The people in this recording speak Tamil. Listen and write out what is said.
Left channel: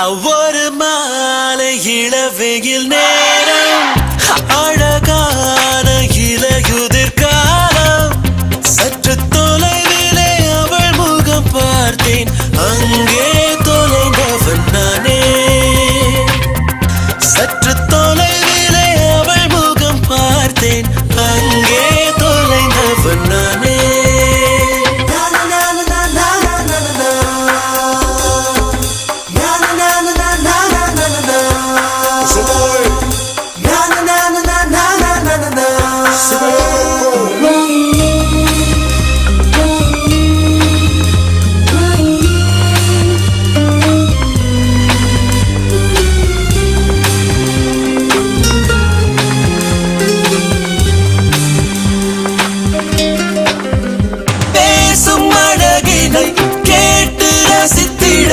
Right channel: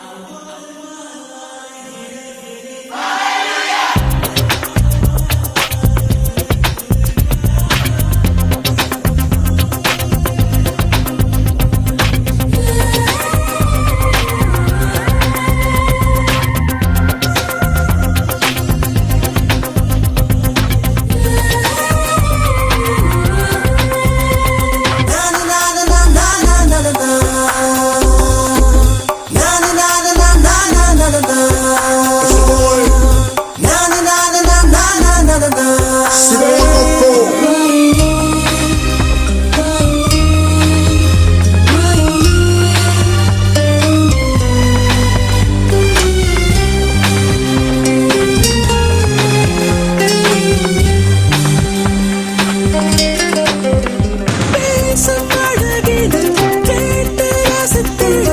அவ்வொரு மாலை இளவெயில் நே ரசித்திட